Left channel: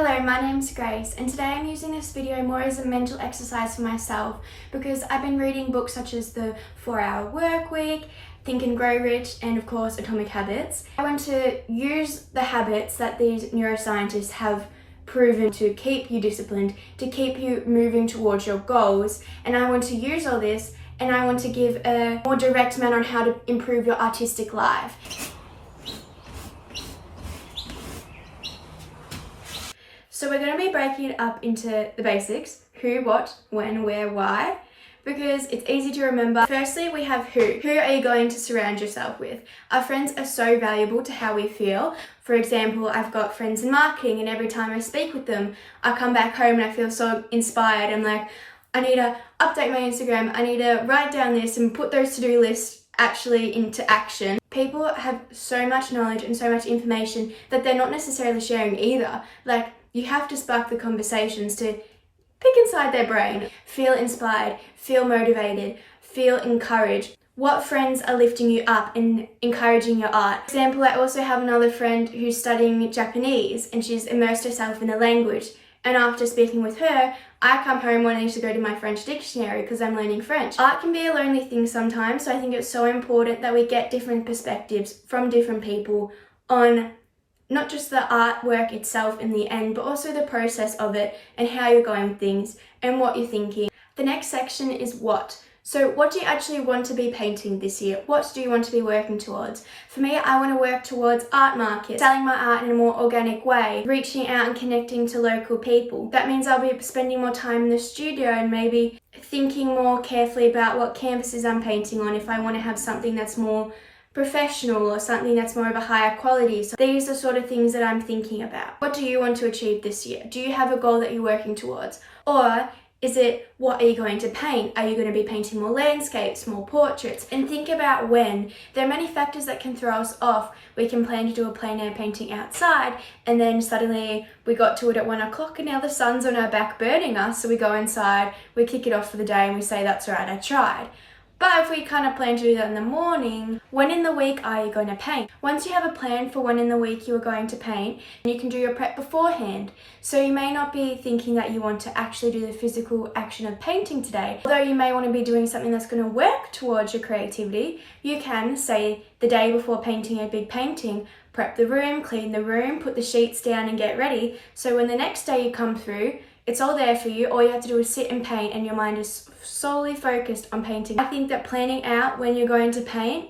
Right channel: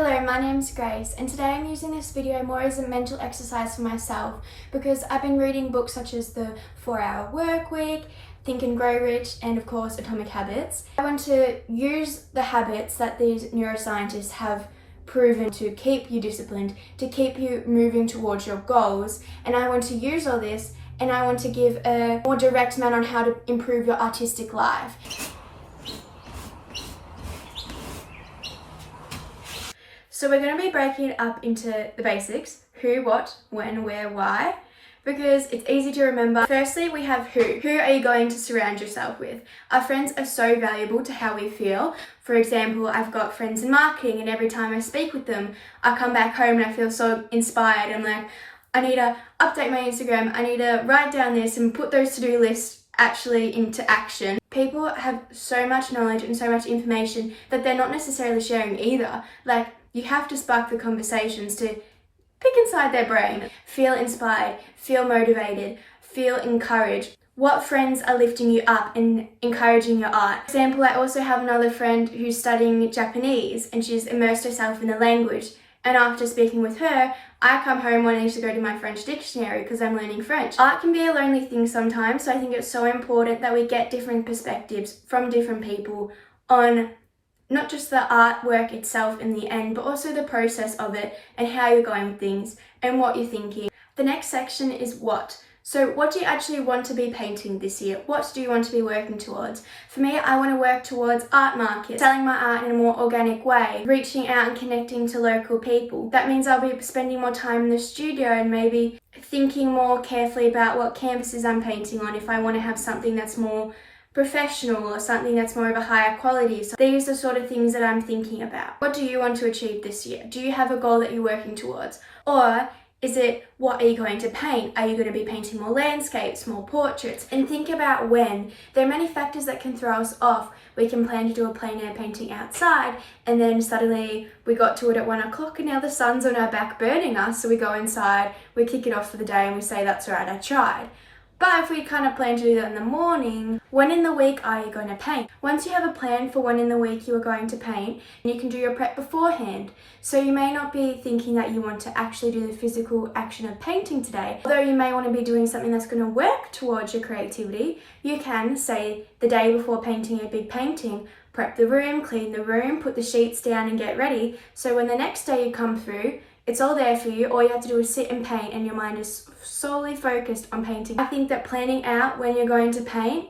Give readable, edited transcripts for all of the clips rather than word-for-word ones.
Hello, my name's Grace, and today I'm using this video more as a mental exercise for myself because I've been reading books such as The 4-Hour Workweek, Think and Grow Rich, and of course Atomic Habits. I want to use the habits that these neuroscientists have proven to keep you disciplined, to keep you moving towards your goals, and I want to use all this and I want to give a more direct manner on how to improve your artistic life. So we're going to be breaking it up into the basics: who, what, when, where, why, because it's easy to remember. Firstly, we have who. Who are you going to surround yourself with? Our friends are so valuable to how we feel. For example, I've got friends in marketing, and every time I speak with them, I come back home and I feel so inspired. I'm like, I need to update my Instagram. I need to write down this and put those to-do lists actually into action. People have so much knowledge and so much information that they're not necessarily sharing either. Like, you have to spark the conversations to pick inside their brain, feel inspired, feel motivated, feel encouraged. What friends are lifting you up and encouraging your art? For example, I also have another friend who's studying Japanese and she's immersed herself in the language. And after speaking with her, I come home wanting to go to my French dictionary because I'm learning French. Art can be a lonely thing sometimes, so I think it's so important that we get different perspectives from different people on not just the artwork itself in the end, but also the process of it and how you're going with things and what you're thinking. The next section is what. So what do you actually want to be painting this year? What do you want to be working towards? For me, I want to work towards art markets, selling my art in a more organic way, reaching out and connecting to local people. That means I'll be spending more time in the studio and maybe thinking more carefully about what canvases I'm painting on if I want to have something that's more professional or something that's more of a higher quality. So these are sort of things that I'm thinking about. What do you want to achieve this year? Do you have a goal that you're working towards? Or is it, what are you going to paint? Are you going to be painting more landscapes, more portraits? And think about when. There are many factors that can throw us off. We can plan to do a plein air painting outside and then suddenly we got to it at 1 o'clock and now the sun's on our back burning us. So we go inside, we kick it off for the day and we say, that's all right, I tried. But if we kind of plan to do that in the morning, when in the week are you going to paint? Once you have a plan for when in the week you are going to paint, you can do your prep beforehand. So you may not be thinking that you want to actually do the physical action of painting today. Although you may want to be doing something that's going to work towards your creativity, you can, say, the day before painting a big painting, prep the room, clean the room, put the sheets down and get ready. So when the next day you come through, it's all there for you. All you have to do is sit and paint and your mind is solely focused on painting. I think that planning out when you're going to paint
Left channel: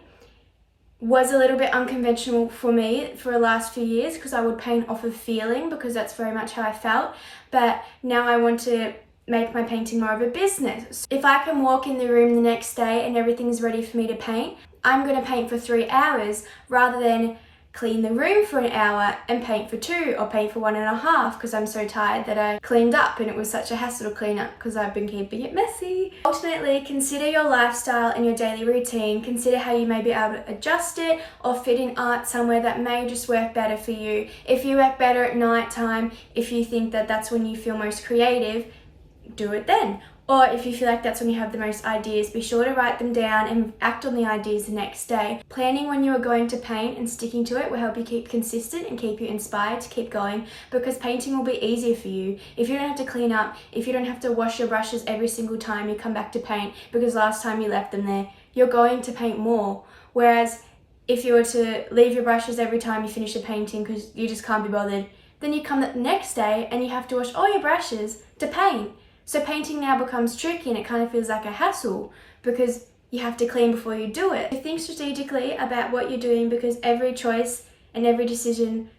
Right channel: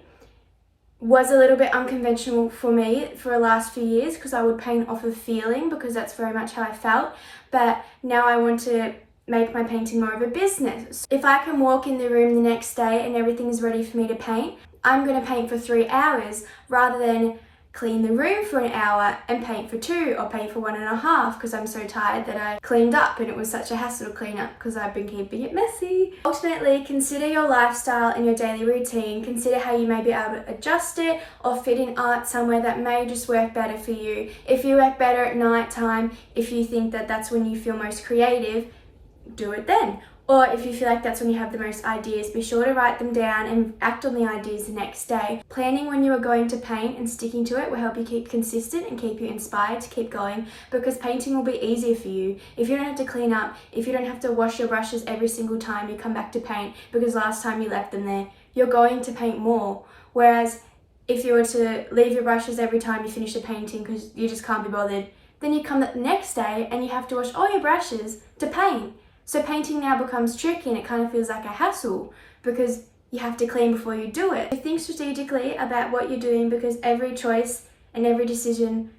was a little bit unconventional for me for the last few years because I would paint off of feeling because that's very much how I felt. But now I want to make my painting more of a business. If I can walk in the room the next day and everything's ready for me to paint, I'm going to paint for 3 hours rather than clean the room for an hour and paint for 2 or paint for 1.5 because I'm so tired that I cleaned up and it was such a hassle to clean up because I've been keeping it messy. Ultimately, consider your lifestyle and your daily routine. Consider how you may be able to adjust it or fit in art somewhere that may just work better for you. If you work better at night time, if you think that that's when you feel most creative, do it then. Or if you feel like that's when you have the most ideas, be sure to write them down and act on the ideas the next day. Planning when you are going to paint and sticking to it will help you keep consistent and keep you inspired to keep going because painting will be easier for you. If you don't have to clean up, if you don't have to wash your brushes every single time you come back to paint because last time you left them there, you're going to paint more. Whereas if you were to leave your brushes every time you finish a painting because you just can't be bothered, then you come the next day and you have to wash all your brushes to paint. So painting now becomes tricky and it kind of feels like a hassle because you have to clean before you do it. Think strategically about what you're doing because every choice and every decision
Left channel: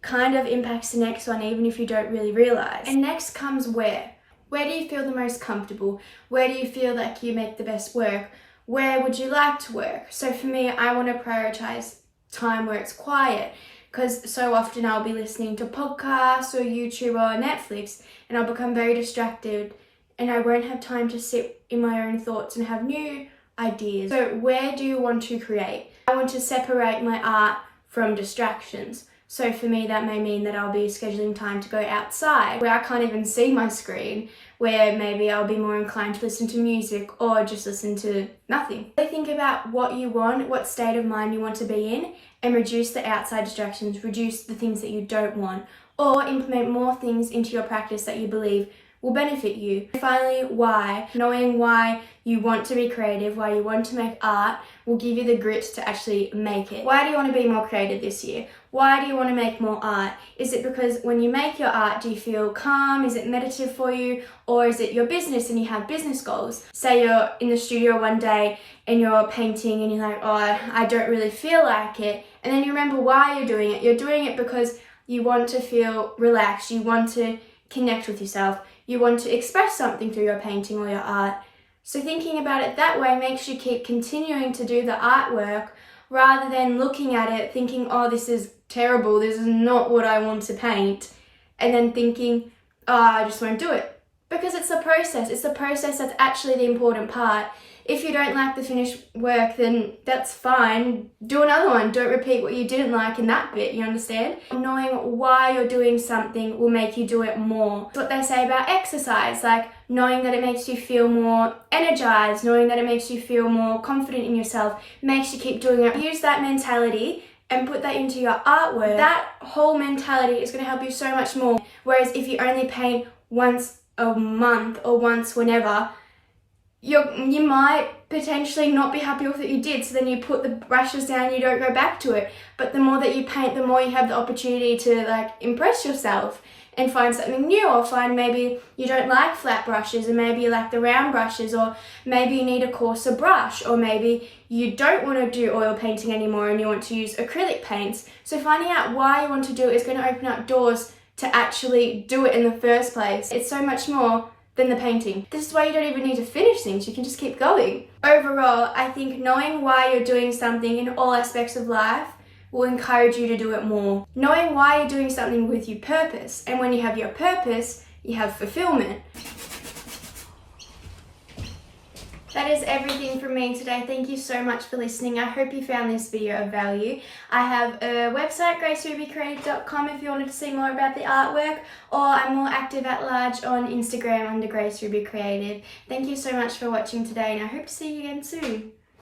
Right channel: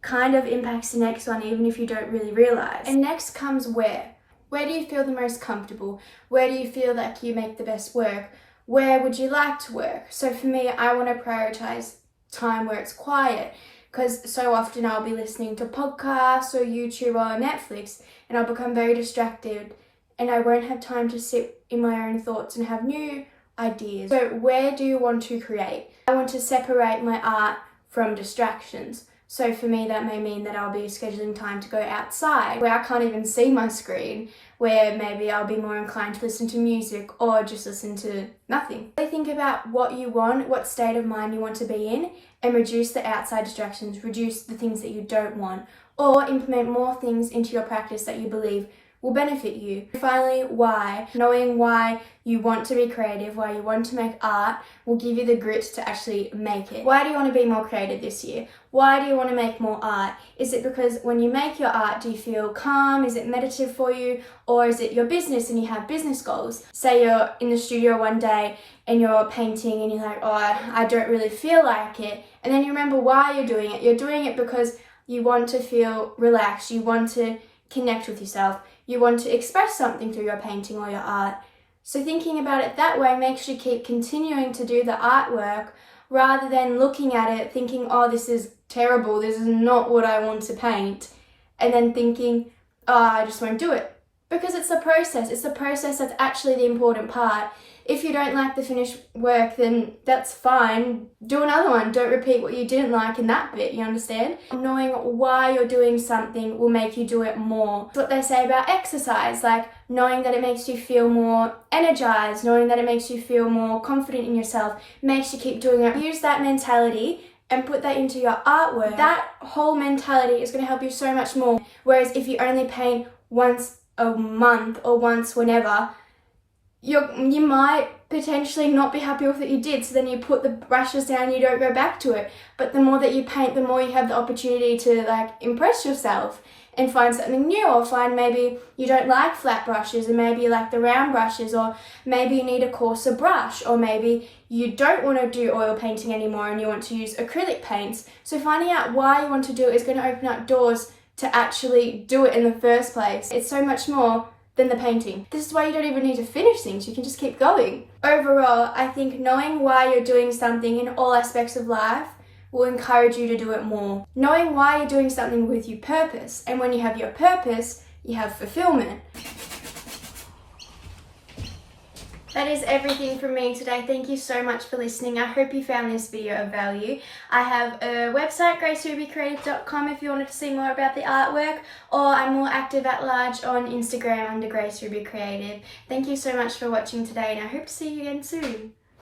kind of impacts the next one even if you don't really realize. And next comes where. Where do you feel the most comfortable? Where do you feel like you make the best work? Where would you like to work? So for me, I want to prioritize time where it's quiet because so often I'll be listening to podcasts or YouTube or Netflix and I'll become very distracted and I won't have time to sit in my own thoughts and have new ideas. So where do you want to create? I want to separate my art from distractions. So for me, that may mean that I'll be scheduling time to go outside where I can't even see my screen, where maybe I'll be more inclined to listen to music or just listen to nothing. Think about what you want, what state of mind you want to be in, and reduce the outside distractions, reduce the things that you don't want. or implement more things into your practice that you believe will benefit you. Finally, why. Knowing why you want to be creative, why you want to make art, will give you the grit to actually make it. Why do you want to be more creative this year? Why do you want to make more art? Is it because when you make your art, do you feel calm? Is it meditative for you? Or is it your business and you have business goals? Say you're in the studio one day and you're painting and you're like, oh, I don't really feel like it. And then you remember why you're doing it. You're doing it because you want to feel relaxed. You want to connect with yourself. You want to express something through your painting or your art. So thinking about it that way makes you keep continuing to do the artwork rather than looking at it thinking, oh, this is terrible, this is not what I want to paint, and then thinking, oh, I just won't do it. Because it's the process that's actually the important part. If you don't like the finished work, then that's fine. Do another one. Don't repeat what you didn't like in that bit, you understand? Knowing why you're doing something will make you do it more. It's what they say about exercise, like knowing that it makes you feel more energized, knowing that it makes you feel more confident in yourself, makes you keep doing it. Use that mentality and put that into your artwork. That whole mentality is going to help you so much more. Whereas if you only paint once a month or once whenever, you might potentially not be happy with what you did, so then you put the brushes down and you don't go back to it. But the more that you paint, the more you have the opportunity to like impress yourself and find something new, or find maybe you don't like flat brushes and maybe you like the round brushes, or maybe you need a coarser brush, or maybe you don't want to do oil painting anymore and you want to use acrylic paints. So finding out why you want to do it is going to open up doors to actually do it in the first place. It's so much more than the painting. This is why you don't even need to finish things, you can just keep going. Overall, I think knowing why you're doing something in all aspects of life will encourage you to do it more. Knowing why you're doing something with your purpose, and when you have your purpose, you have fulfillment. That is everything from me today. Thank you so much for listening. I hope you found this video of value. I have a website, gracerubycreative.com, if you wanted to see more about the artwork, or I'm more active at large on Instagram under Grace Ruby Creative. Thank you so much for watching today, and I hope to see you again soon.